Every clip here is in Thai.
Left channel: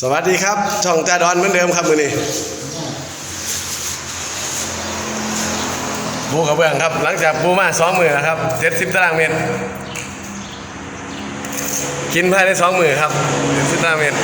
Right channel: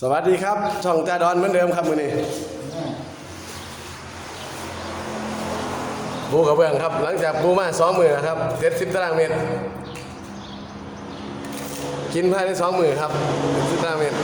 สวัสดีครับ ช่องจ่าดอนเหมือนเดิมครับมือนี้บูกระเบื้องครับ หลังจากบูมาสองมือนะครับเจ็ดสิบตารางเมตร กินภายในสองมือครับเจ็ดสิบตารางเมตร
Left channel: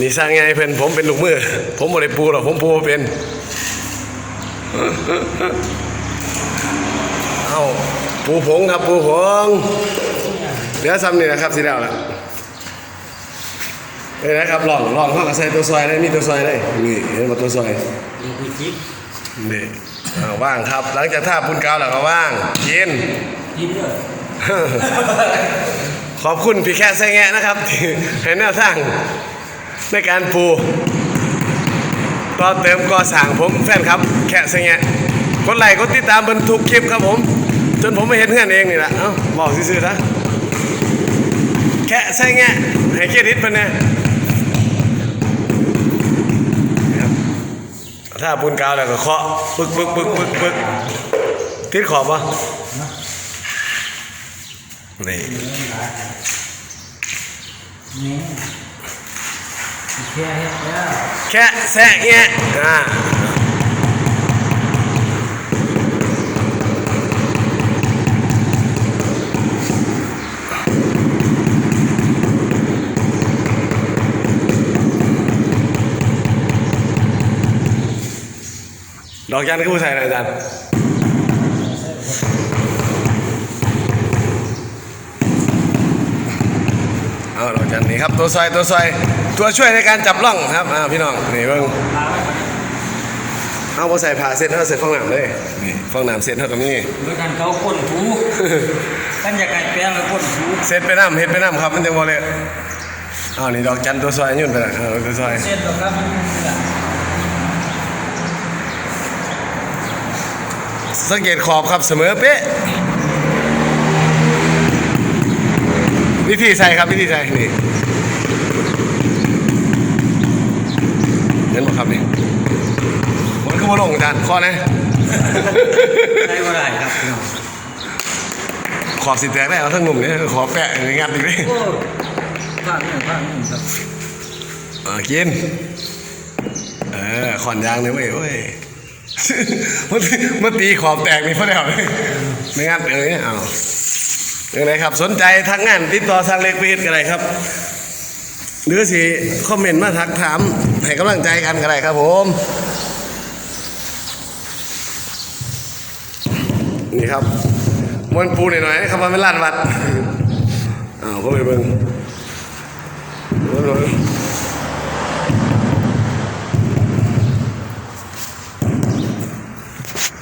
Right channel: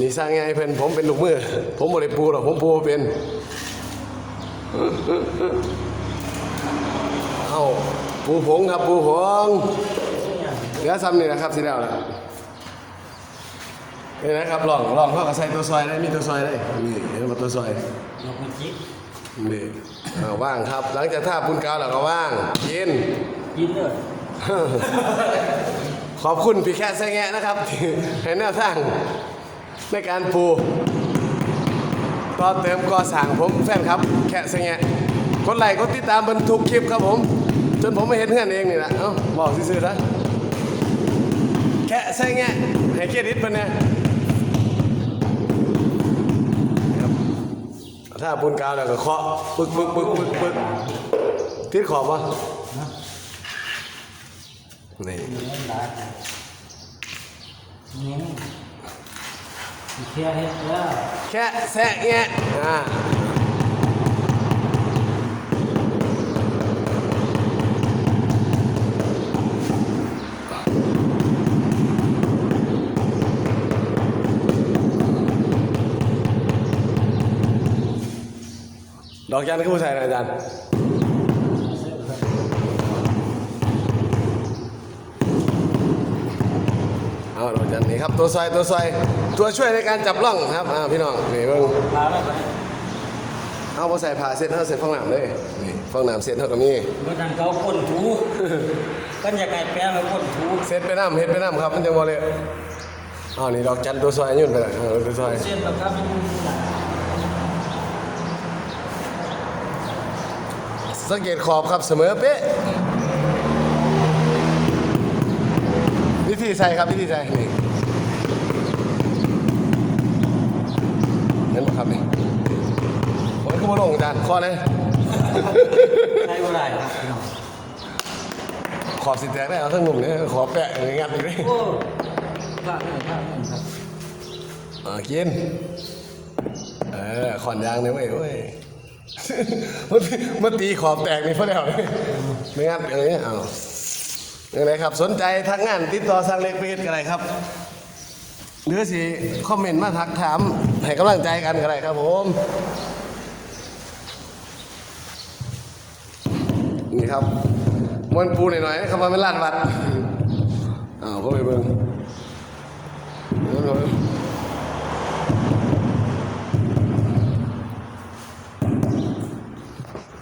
นี่สร้างไงเพื่อนผมเป็นลูกมือ ผมบ่ได้ปูหรอกผมปูเป็น เอาปูผงครับปูผงเหลือซ้ำนี่นะครับสีดาวแล้วนี่นะครับลองลองเข้ากับใส่ตัวซอยได้มีตัวซอยได้นี่เห็นว่าตัวซอยยังคุยคิดนี่อ่าว่างครับ หลังจากท่าพุ่นกาวแล้วก็ว่างกินกินเด้อขอบคุณพี่แค่ไส้แงะนะครับที่ให้แนวทางในการปูต่อเติมก่อสร้างผมแฟนครับ แค่ไส้แงะกดไลค์กดติดตามเบิ่งทุกคลิปครับผม จนผมไม่เห็นเพื่อนเองนี่แหละเอ้าบอกซื่อๆนะแค่ไส้แงะให้เครดิตเพิ่นแน่ครับ ถ้าปูนกาวแล้วก็เคาะปึกปึกปึกปึกปึกติดขอบปะนี่เนื้อหลายเนี่ยแค่เฮ็ดแล้วแค่แซะแงะอ่า ดอกยันก็ผู้ใส่อะไรอาจารย์เอาดอกยันนี่ครับตัวซอยตัวซอยตัวช่วยในการจับล่องครับอ่าพี่น้องนี่เพิ่งลาไว้ก่อนเอาบ่ใส่ผ้าเสร็จเท่าเสร็จฟองน้ำเลยนี่ฟองน้ำเสร็จเท่ากับนี่เมื่อกันเขาก้นหูกันอยากไก่แปลงแล้วก้นหูเสร็จไปน้ำเฮ็ดไปน้ำครับมันจะบ่เลยอ้าวนี่ดอกจันตัวซอยยุ่นไปละเอาตัวซอยเส้นตรงนั้นมันเสือสังเกตขอบครับเสมอเป๊ะวิธีใส่ครับวิธีใส่นี่เห็นไหมครับนี่มันก็มาลงกันข้อนะใช้บ่ได้ครับขอบสิแตกได้เอาทั้งหนุ่มเนี่ยขอแปะในงัดอีกเลยโอ้ภาคหนึ่งภาคหนึ่งครับอ่ากินเออขอนยางเลยเว้ยเว้ย มันมันตีขอบแตกนี่พราะเดียวเลยไม่งั้นเป็นไงเอาอย่างไรครับ สนใจทางงานติดต่อทางเล็กเพจกันเลยครับ หรือสิคอมเมนต์มาทักถามให้กำลังใจกันกันเลยครับผมนี่ครับมวนปูหน่อยๆครับว่าเป็นลานวัดอ้าวก็ไปเบิ่ง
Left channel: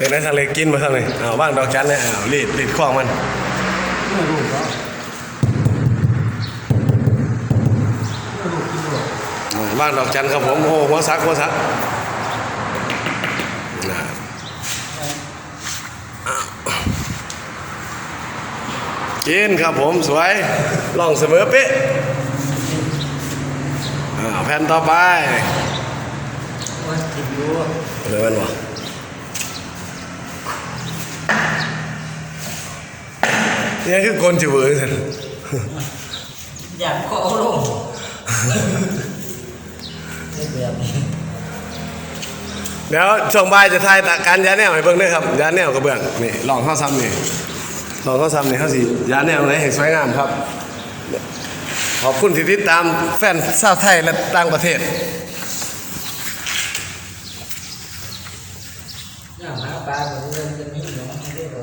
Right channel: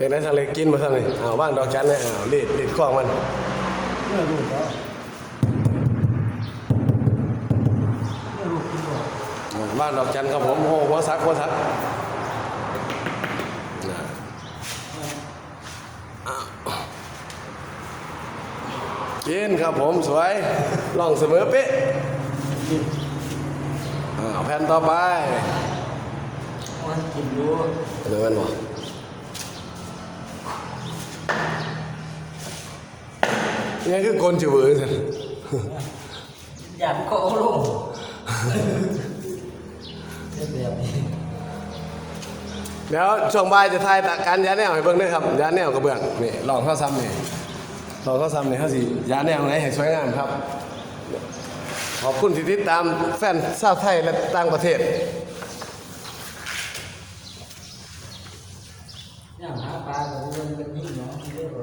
เป็นไงทางเล็กกินมาทางเลยเอาบ้านดอกจันเนี่ยเอารีดรีดข้องมันไม่าไม่รู้กินหรอกอ่าบ้านดอกจันครับผมโอ้หัวซักหัวซักกินครับผมสวยล่องเสมอเป๊ะเอาแผ่นต่อไปกินอยู่เดี๋ยวมันวะ นี่คือคนจิ๋วเอ๋ยสิอยากก็เอาลงเฮ็ดแบบนี้เดี๋ยวช่วงบ่ายจะทายตะการยาแนวให้เบิ่งด้วยครับยาแนวกระเบื้องนี่ลองเข้าซ้ำนี่ลองเข้าซ้ำนี่เข้าสิยาแนวไหนให้สวยงามครับ ขอบคุณที่ติดตามแฟนชาวไทยและต่างประเทศย่างหาปลาแบบนี้จะมีหนูไม่ได้หรอ